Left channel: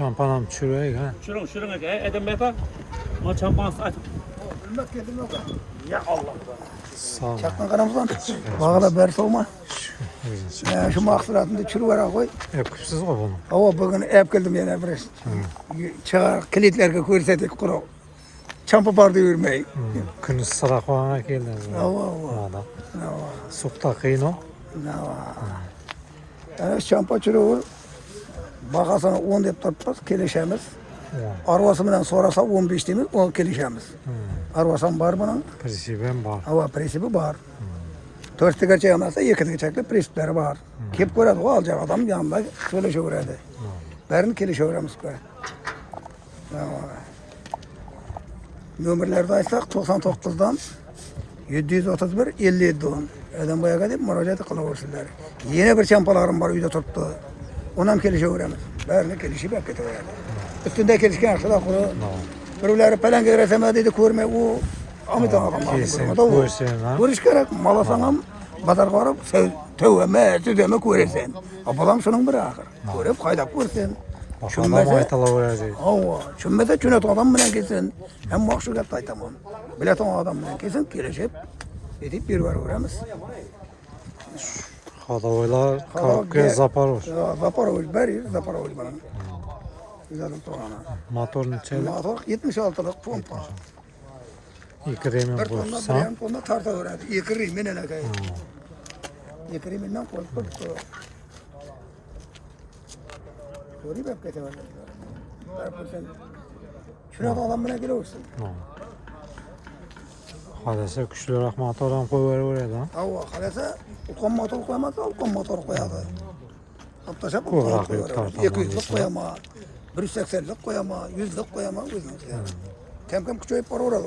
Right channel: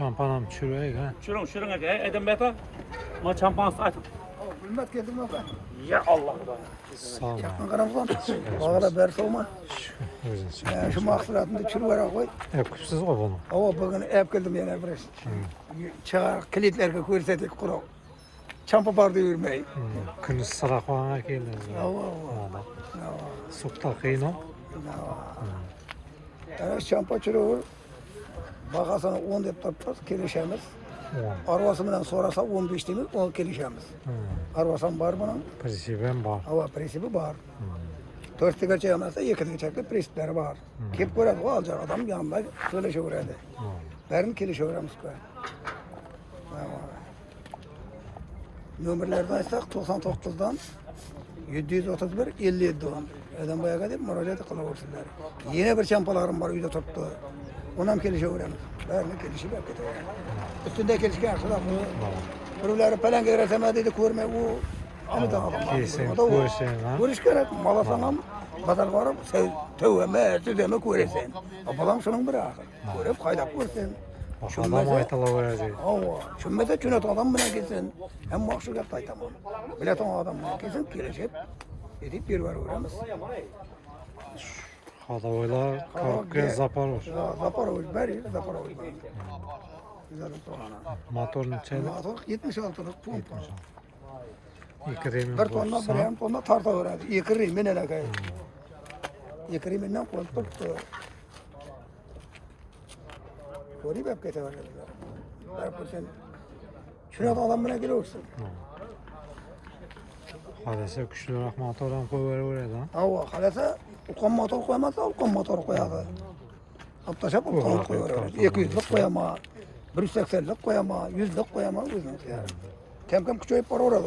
çampanam çürüyek ha. Şurun aka. Edem beta. Ma çampan açıp. Hürmet geldim yok. Ya Allah. Sağ ol. Çakma kanımızdan. Bağla bersi olma. Şu mahsulatında çürü var koy. Yapıpsız o bunu. Hava bugün ev geldim yana biraz. Çağır kilitlerge koyursadık kuru. Çampa bardı yürümeyi. Künüz sıra koyana geldi. Hava. Valla. Sokta kıyın o. Yani çampa çürü olur. Bakasana 10 deyip tutmaz kelişemiz. 10. Arvasından sonrası 15 deyimiz 10 kelişemiz. Arvasan var bunun. Prensibim var. Hava presibi var. 4 tıka çayamazsa 2 tıka çaklı presipleri var. Kep koyardı o alacak adam yanında şöyle şöyledi. Berini kelişe öğrenmiş koy. Nömerlerden açsak 99'dan 731 57 10. Adam bayağı kadar müracaat kılavursuzlar. Yine bir çampalarım var uyda tuttu. Ondan kelişe öğrenmiş. Berini kelişi beklet öğrendi. Üstünde kelişken aşağıda kuru. Birileri pelen getiresemediydi kurme o. Amıdan adamlar. Kesin koysun ha. Konuş gerek. Malasanım bazar varıp tövbe tüdeme koyarsan. Abalam şunun bir ahır. Görüp kaydak koyarsan. Adam aytala verəcək. Hava. Şümmede çünet adam bilen kesin. Hem mahşukat aytamam. Bilet o adam bilen kesin kireşip. Edip bir var uğramız. Xadavoylar Karukya Zaparoz. Zaparoviç beri Zaparoviç bana. Güzel toğana. Motor neçəlik? Motor 76'lık pompa. 2 remin Bir tonla qoysa. bir tonla tarta öğrendi. Yıkırı minele kayı. Yıkırı minle koyup tuttu. Koyup hep getirdi. Şuna da adam bana gele olsun. Hadese küçülürək motordan qoyuverər ha. Hava halese utan motor koymazsa utan motor koyadı. Hatta şap Kıvrak yukarıdan 200'lük koyama, 180'lik koyama, 100'lük koyama. Kem küçüğüp para uğradı.